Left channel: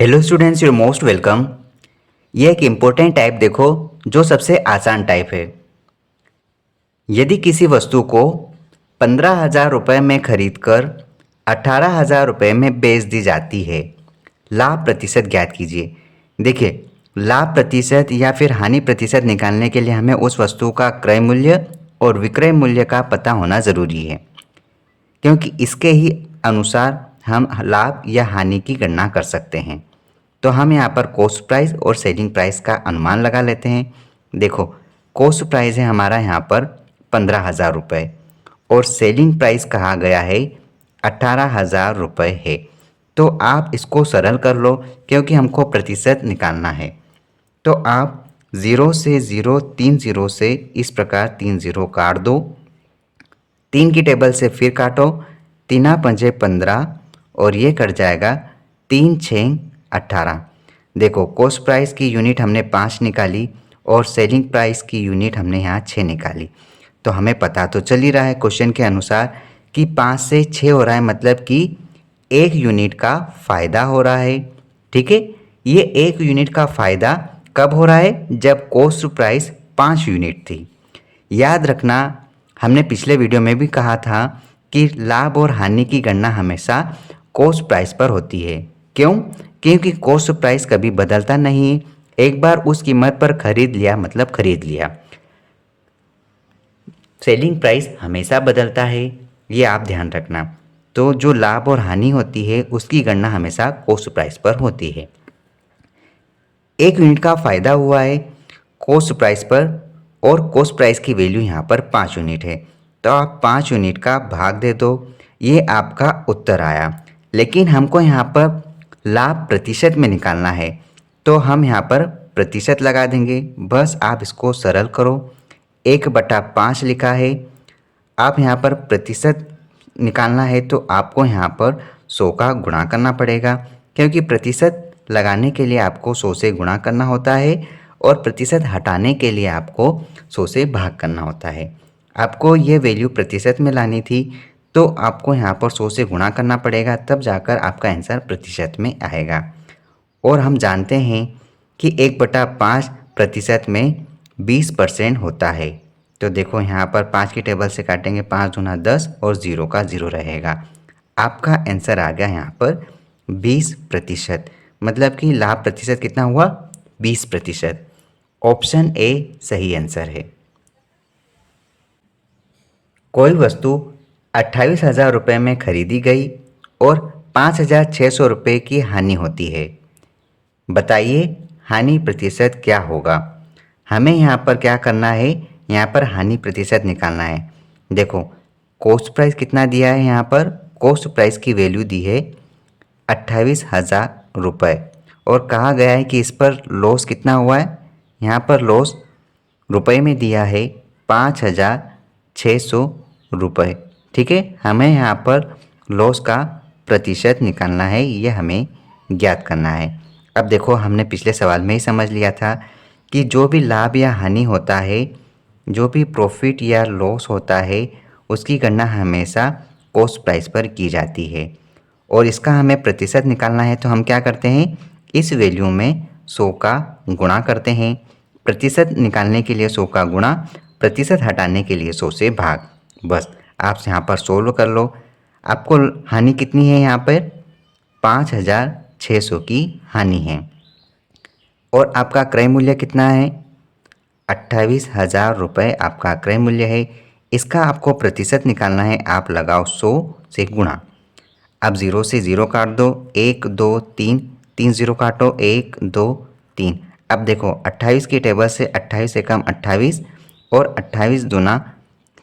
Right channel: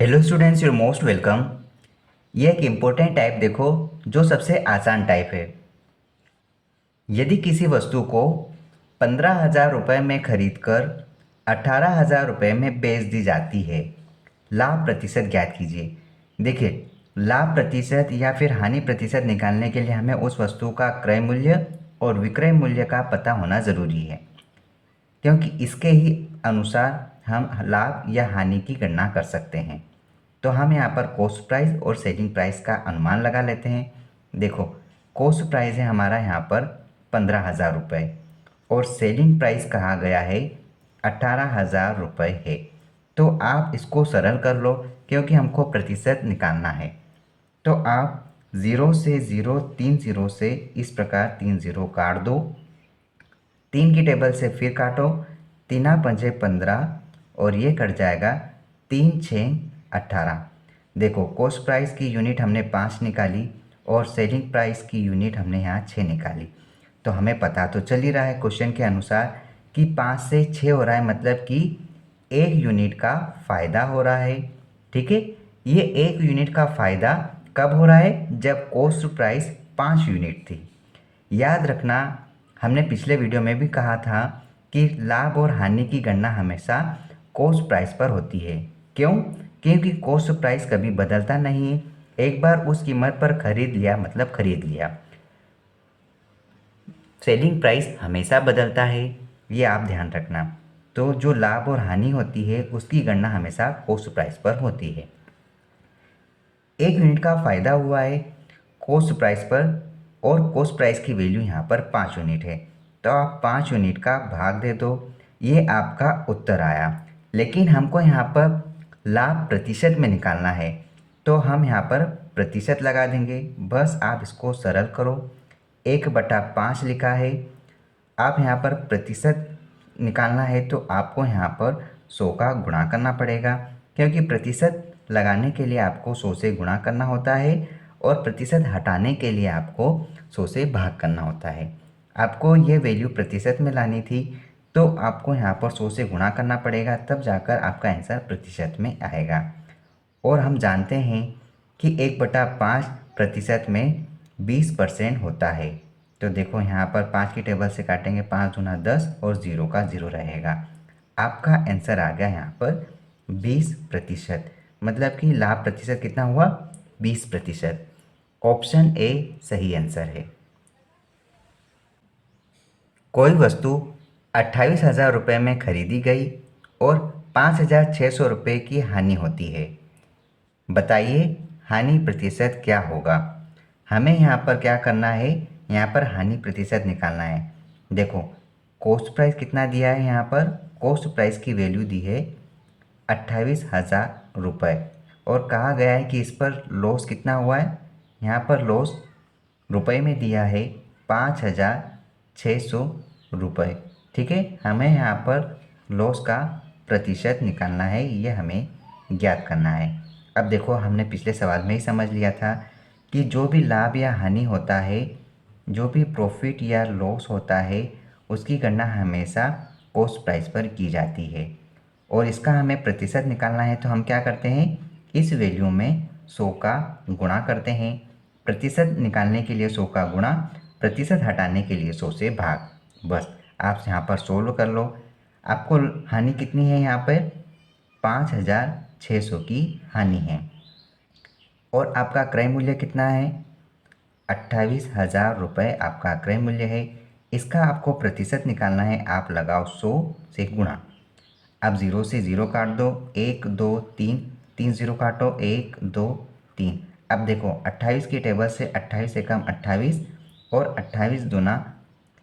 Hello students, your most welcome. ये एक important type देखो जो सबसे आसान टाइप है। यदि किसी वस्तु को 15,000 रुपये में खरीद कर 18,000 रुपये में बेच दी जाती है, लाभ प्रतिशत ज्ञात कीजिए। देखिए, लाभ प्रतिशत या फिर हानि प्रतिशत निकालने के लिए हमें उस वस्तु का क्रय मूल्य और विक्रय मूल्य का पता होना ज़रूरी है, क्योंकि इसके ही अनुसार हम लाभ या हानि की गणना कर सकते हैं। तो हम यहाँ पर कॉस्ट प्राइस और सेलिंग प्राइस का अनुमान लगा लेते हैं। देखो, कॉस्ट प्राइस है हमारा यहाँ पर 15,000 रुपये और सेलिंग प्राइस कहा गया है 18,000 रुपये है। तो आप इसको सरल कर लो, क्योंकि हमको प्रतिशत निकालना है। तो आप ज़ीरो से ज़ीरो, 3 ज़ीरो से इस प्रकार 3 ज़ीरो काट दो। 3 की टेबल से फिर काटो, 3×5 = 15 और ये कट जाएगा 3×6 = 18। देखो, कॉस्ट प्राइस की यूनिट हमने 5 निकाली और सेलिंग प्राइस की यूनिट हमने यहाँ 6 निकाली। तो हमें पता तो चल ही रहा है क्वेश्चन के अनुसार कि 5 से 6 हो रहा है, मतलब कि 1 यूनिट का फ़ायदा हो रहा है। ठीक है, ये 1 यूनिट का फ़ायदा कब हो रहा है? जब कॉस्ट प्राइस 5 यूनिट थी। याद रखना, हमने पिछले वीडियो में भी कहा था कि लाभ और हानि की गणना हमेशा कॉस्ट प्राइस पर होती है। क्यों? क्योंकि कॉस्ट प्राइस कभी बदलता नहीं है। एक बार उस कीमत पर खरीद लिया मतलब खरीद लिया। सेलिंग प्राइस हमेशा बदलता है, ये आप ध्यान रखना। तो जो लाभ और हानि होती है उसकी गणना हमेशा कॉस्ट प्राइस पर होती है। 1 यूनिट का फ़ायदा हुआ है कॉस्ट प्राइस पर और कॉस्ट प्राइस की वैल्यू यहाँ पर 5 यूनिट है। तो आप 5 यूनिट का भाग दे दो, ये आपका उत्तर आया। लेकिन हमको यहाँ पर लाभ प्रतिशत में निकालना है, तो हम यहाँ पर प्रतिशत लगा देंगे। बस आप इसको सरल करो। 1/5 लिखा है। आप यहाँ पर प्रतिशत निकालना है तो आपको यहाँ पर 100 का गुणा करना पड़ेगा, क्योंकि प्रतिशत लगाने के लिए आपको 100 से गुणा करना होता है और प्रतिशत हटाने के लिए आपको 100 से भाग करना होता है। आपको ये वैल्यू प्रतिशत में लानी थी, तो आपको यहाँ पर 100 से गुणा करना पड़ेगा, तब जाकर आपका आंसर प्रतिशत में आएगा। और हम जानते हैं कि 1/5 प्रतिशत में 20% होता है। तो देखो, यहाँ पर 5 की टेबल से काटेंगे, 5 दूना 10 और 0 का 0 रहेगा। आपका आंसर आ गया यहाँ पर 20%। मतलब कि लाभ प्रतिशत कितना हुआ? 20%। ऑप्शन ए सही आंसर है। कोई वस्तु 28,000 रुपये में खरीदी गई और 5,600 रुपये की हानि होती है। बताइए हानि प्रतिशत क्या होगा? हमें यहाँ पर क्या करना है? यहाँ पर हानि प्रतिशत निकालना है। देखो, कॉस्ट प्राइस कितना दिया है? यहाँ पर कॉस्ट प्राइस की वैल्यू दी है 28,000 रुपये और कहा गया है कि इस पर लॉस कितना हुआ है? यहाँ पर लॉस रुपए में दिया है 5,600 रुपये। ठीक है, हमें यहाँ पर लॉस का प्रतिशत निकालना है, ये हमें ज्ञात करना है। अब देखो, हमने पिछले सवाल में ही समझ लिया था कि जो भी लाभ या हानि होता है, जो भी प्रॉफिट या लॉस होता है, उसकी गणना हमेशा कॉस्ट प्राइस पर की जाती है और इसका हमें प्रतिशत निकालना है। तो हम क्या करते हैं? इस वैल्यू में 100 का गुणा करते हैं। प्रतिशत निकालने के लिए 100 का गुणा, प्रतिशत हटाने के लिए 100 से भाग। बस आप यहाँ पर सोल्व कर लो। आपको हानि कितनी है? यहाँ पर 5,600 की हानि है और आपका क्रय मूल्य कितना है? 28,000 रुपये आपका क्रय मूल्य है। इसका आपको प्रतिशत निकालना है। आप लगाओ 100 से गुणा। अब 0 से 0 काट दो, 1 2 3, 3 0 काटो, 1 2 3। अब देखो, 28 की टेबल से 28 से कम 28 और 28 दूना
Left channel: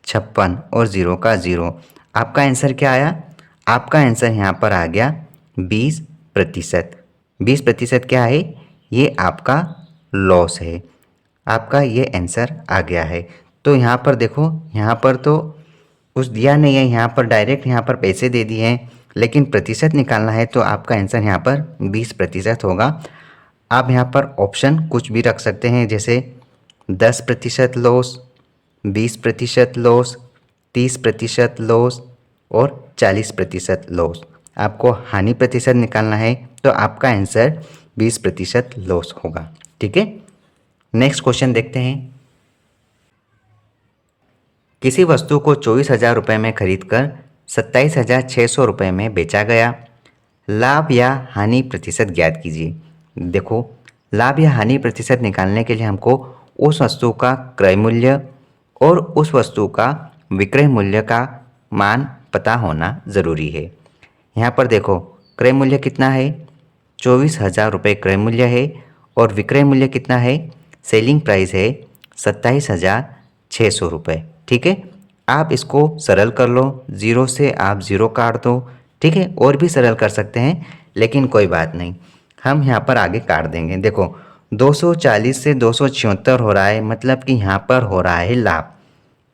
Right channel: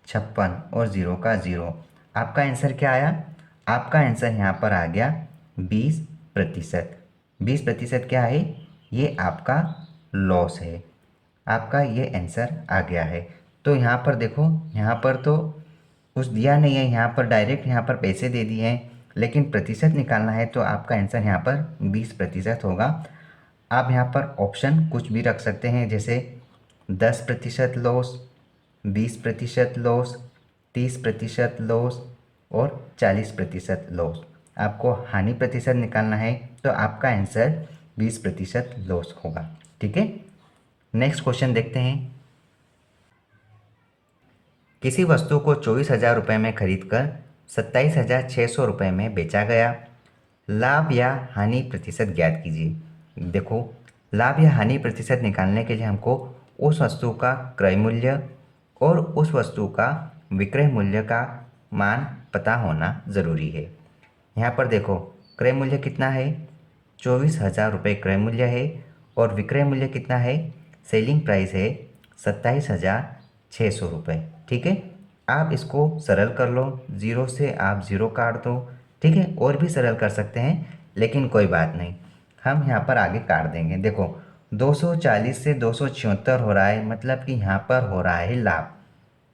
56 और 0 का 0। आपका आंसर क्या आया? आपका आंसर यहाँ पर आ गया 20%। 20% क्या है? ये आपका लॉस है। आपका ये आंसर आ गया है। तो यहाँ पर देखो, यहाँ पर तो कुछ दिया नहीं है, यहाँ पर डायरेक्ट यहाँ पर पैसे दे दिए हैं, लेकिन प्रतिशत निकालना है तो आपका आंसर यहाँ पर 20% होगा। आप यहाँ पर ऑप्शन कुछ भी रख सकते हैं, जैसे 10% लॉस, 20% लॉस, 30% लॉस और 40% लॉस। आपको हानि प्रतिशत निकालना है, तो आपका आंसर 20% लॉस होगा। ठीक है, नेक्स्ट क्वेश्चन देखते हैं। किसी वस्तु को 24,000 रुपये में खरीद कर 27,600 रुपये में बेचा गया। लाभ या हानि प्रतिशत ज्ञात कीजिए। देखो, लाभ या हानि प्रतिशत निकालने के लिए हमको उस वस्तु का क्रय मूल्य और उस वस्तु का विक्रय मूल्य का मान पता होना ज़रूरी है। यहाँ पर देखो, क्रय मूल्य कितना है, 24,000 रुपये क्रय मूल्य है और विक्रय मूल्य कितना है, सेलिंग प्राइस है 27,600 रुपये। ठीक है, आप इसको सरल कर लो, ज़ीरो से आप ज़ीरो काट दो। ठीक है, और भी सरल कर सकते हैं, लेकिन कोई बात नहीं, हम यहाँ पर आगे काट देंगे। देखो, 240 से 276 हो रहा है, मतलब कि यहाँ पर हो रहा है लाभ,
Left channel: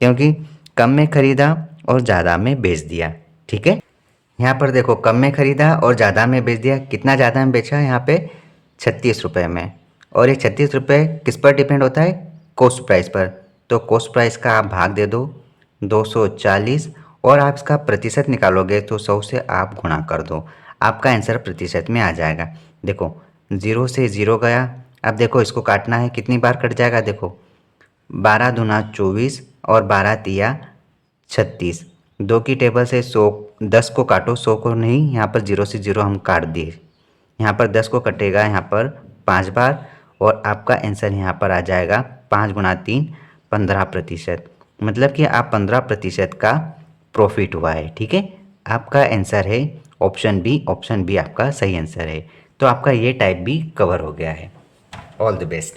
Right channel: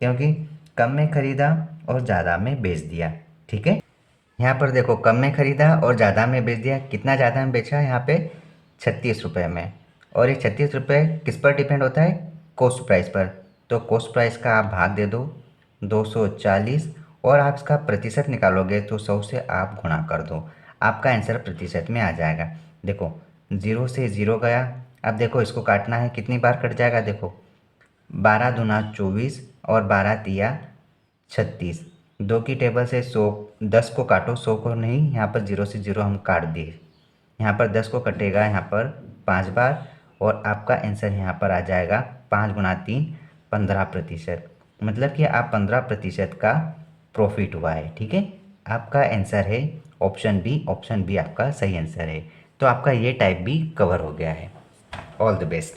क्योंकि कम में खरीदा और ज़्यादा में बेच दिया। ठीक है, यहाँ पर देखो, कम में खरीदा और ज़्यादा में बेच दिया। कितना ज़्यादा में बेचा, यहाँ पे 36 रुपये में। और ये 36 रुपये किस पर डिपेंड होता है, कॉस्ट प्राइस पर। तो कॉस्ट प्राइस का आप भाग दे दो 240 और आप इसका प्रतिशत निकालोगे तो 100 से आप गुणा कर दो, आपका आंसर प्रतिशत में आ जाएगा। देखो, 0 से 0 गया। अब देखो, इसको काटना है, कितनी बार कट जाएगा, देखो 12 दूना 24 और 12 तिया 36। 2 की टेबल से 100, 10 को काटो, 100 को नहीं। यहाँ पर 0 से 0 हम काट दिए। यहाँ पर 10 को कटेगा यहाँ पर 5 बार और आपका आंसर यहाँ पर आ जाएगा 5 गुणा 3 15%। मतलब कि आप 15% का प्रॉफिट हुआ है। ठीक है, आपका आंसर है ऑप्शन बी। ऑप्शन बी आपका सही आंसर है। तो आपका ये टाइप भी कवर हो गया है। All the best.